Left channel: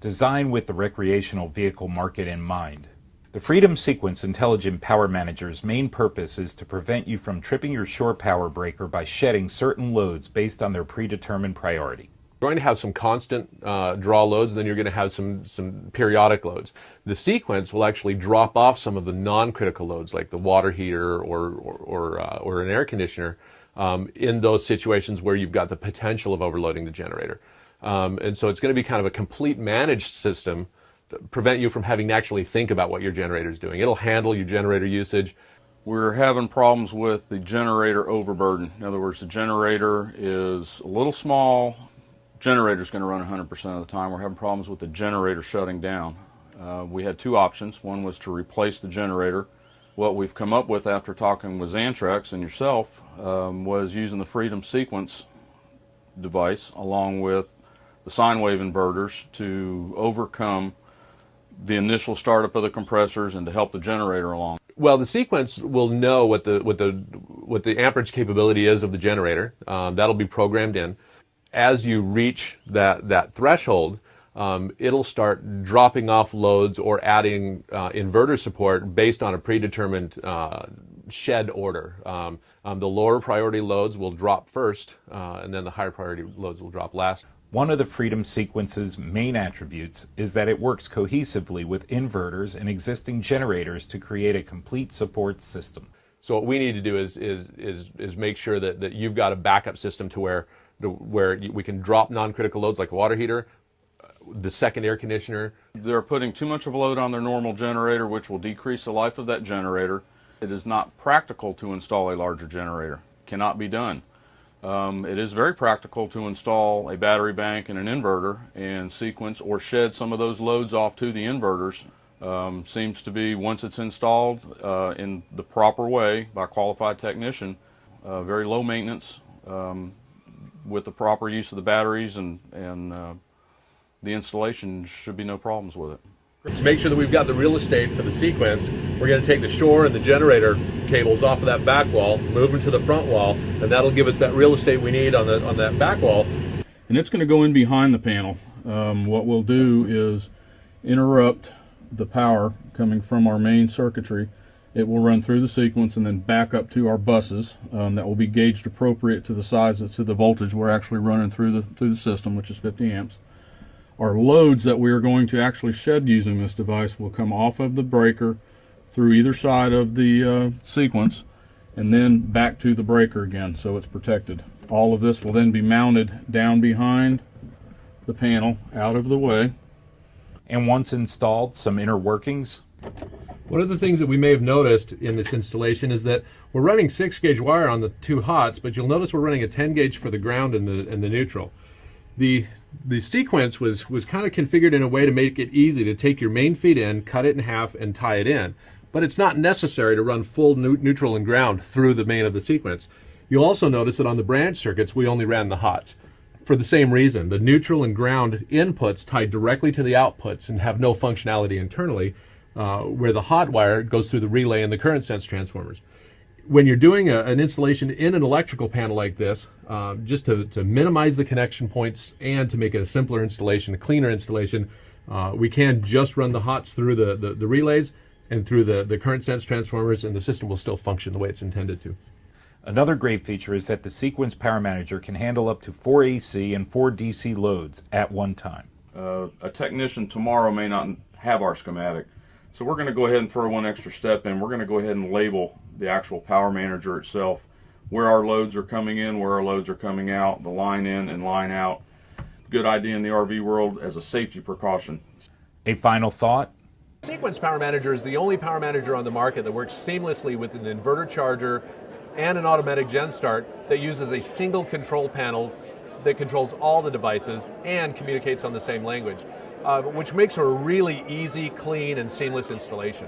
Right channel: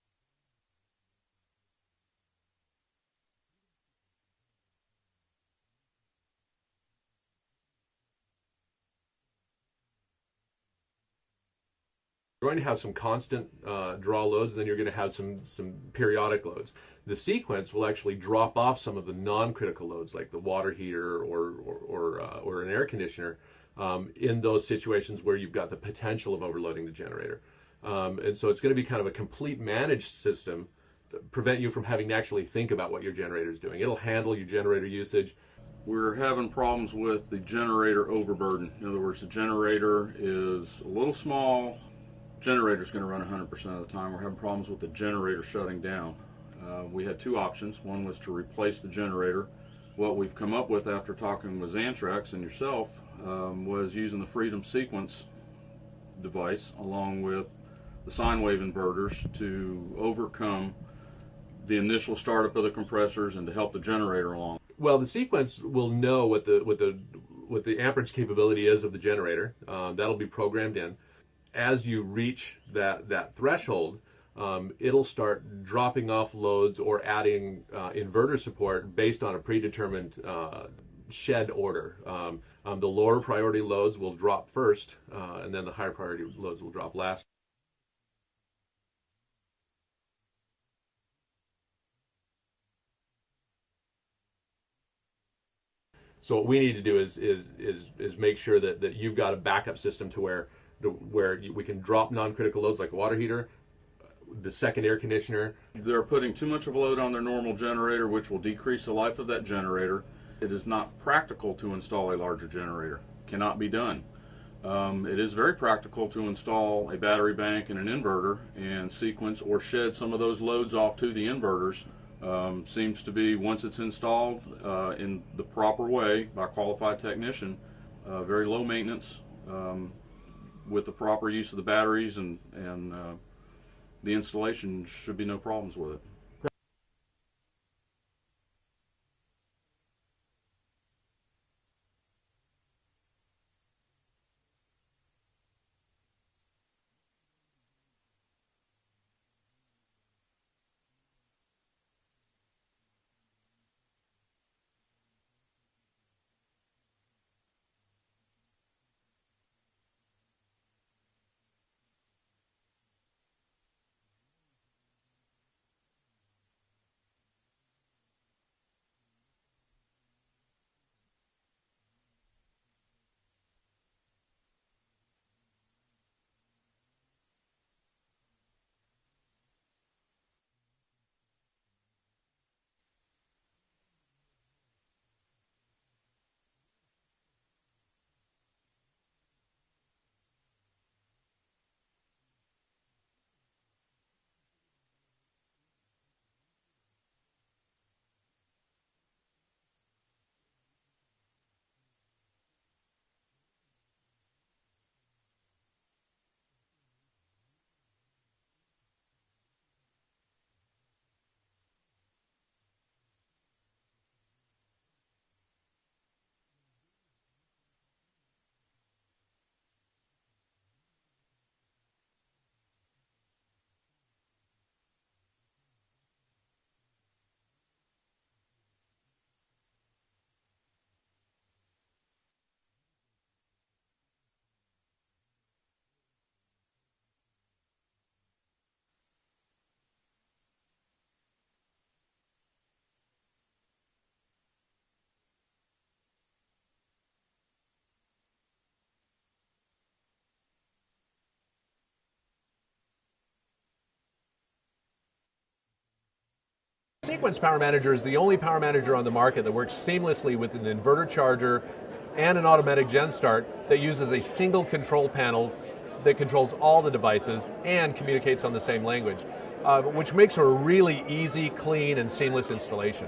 designed with the recreational vehicle market in mind. The Freedom Sequence Intelligent Power Manager's main purpose is to prevent you from tripping your shore power breaker by shedding certain loads based on their predetermined priority. You're going to have some constant draw loads, and then you're going to have some periodic loads. The sequence will actually drop off some of the non-critical loads, like the water heater or an air conditioner, in those situations where you've got the potential of overloading the generator. And so it's going to be kind of a complete managed system to prevent you from having to actually think about what your generator is doing. It'll handle your generator usage. We're having problems with the generator overburden. In other words, the generator is a little small. Generator's going to run 100% of the time. We're having problems with the generator shutting down. We had two options. One was to replace the generator. What we've come up with after talking with Xantrex and yourself was using the Freedom Sequence device along with the sine wave inverters to overcome the initial startup of the compressors and to help the generator along. Well, the sequence will know what the amperage capability is of the generator. That'll be programmed in. As you reach that threshold, it'll start dropping off loads or adding inverter support based on a predetermined shed order. The lower priority loads will drop first, and then the higher priority loads will drop last. One of the Freedom Sequence's main attributes is that it works cohesively with inverters and existing generators to create a complete support system. So what we need to do is make sure that you've got a backup system to where we can drop non-critical loads like a water heater, the second air conditioner. They're putting too much of a load on their normal generator, which will decrease the life of that generator. It is not practical to install a larger generator. Cannot be done. It is very practical to install a battery bank and an inverter and sequence or shed some of those loads off to the inverters. Seems to be, once it's installed in the proper way by a qualified technician, very low maintenance. With the proper use of the batteries and the installation, should be no problems with it. To make sure that we've got the real estate for the sequence, we're going to take the shore and the generator cables off of that back wall, move them to the front wall, and that'll give us that real estate we need on that back wall. And it's going to go in behind the panel. What we'll do is interrupt the power coming from our main circuitry. It will run through the sequence and then back up to our buses that will be gauged appropriate to the size, to the voltage we're actually running through the system, which is 50 amps. Our loads that we are going to actually shed using this device will come off of the breaker through either side of the sequence and then back to the breaker again, so it's protected. All of this will then be mounted down behind the panel, out of the way. And once installed, some inner workings. One of the things that we may have noticed in this installation is that we're running 6-gauge wire on the two hots, but you'll notice we're running a 10-gauge for the ground and the neutral. The sequence was kind of configured in a way to make it easy to take your main feed in, cut it in half, and tie it in. But it's not necessary to run full neutral and ground through the main of the sequence. You'll also notice that on the branch circuits, we only ran the hots. For the same reason, the neutral and ground inputs tie directly to the outputs and have no functionality internally, where the hot wire goes through the relay and the current sense transformers. When you're doing an installation in an electrical panel like this, just to minimize the connection points and to make it a simpler installation, a cleaner installation, we can just run the hots through the relays and through the current sense transformers, and the system will still function the way it's intended to. Another great feature is that the Sequence Power Manager can handle up to 4 AC and 4 DC loads at one time. A technician tomorrow may not have our schematic, so we're going to go ahead and throw one extra step in. We're going to go ahead and label the actual Power Manager itself, where our loads are coming in, where our loads are coming out, the line in and line out. Good idea in the RV world as a safety precaution. A final thought? Sequence Power Manager is the only power manager on the market that works seamlessly with an inverter charger and an automatic gen start that uses a single control panel that controls all the devices and communicates on the same language, which makes for a really easy, clean, and seamless installation.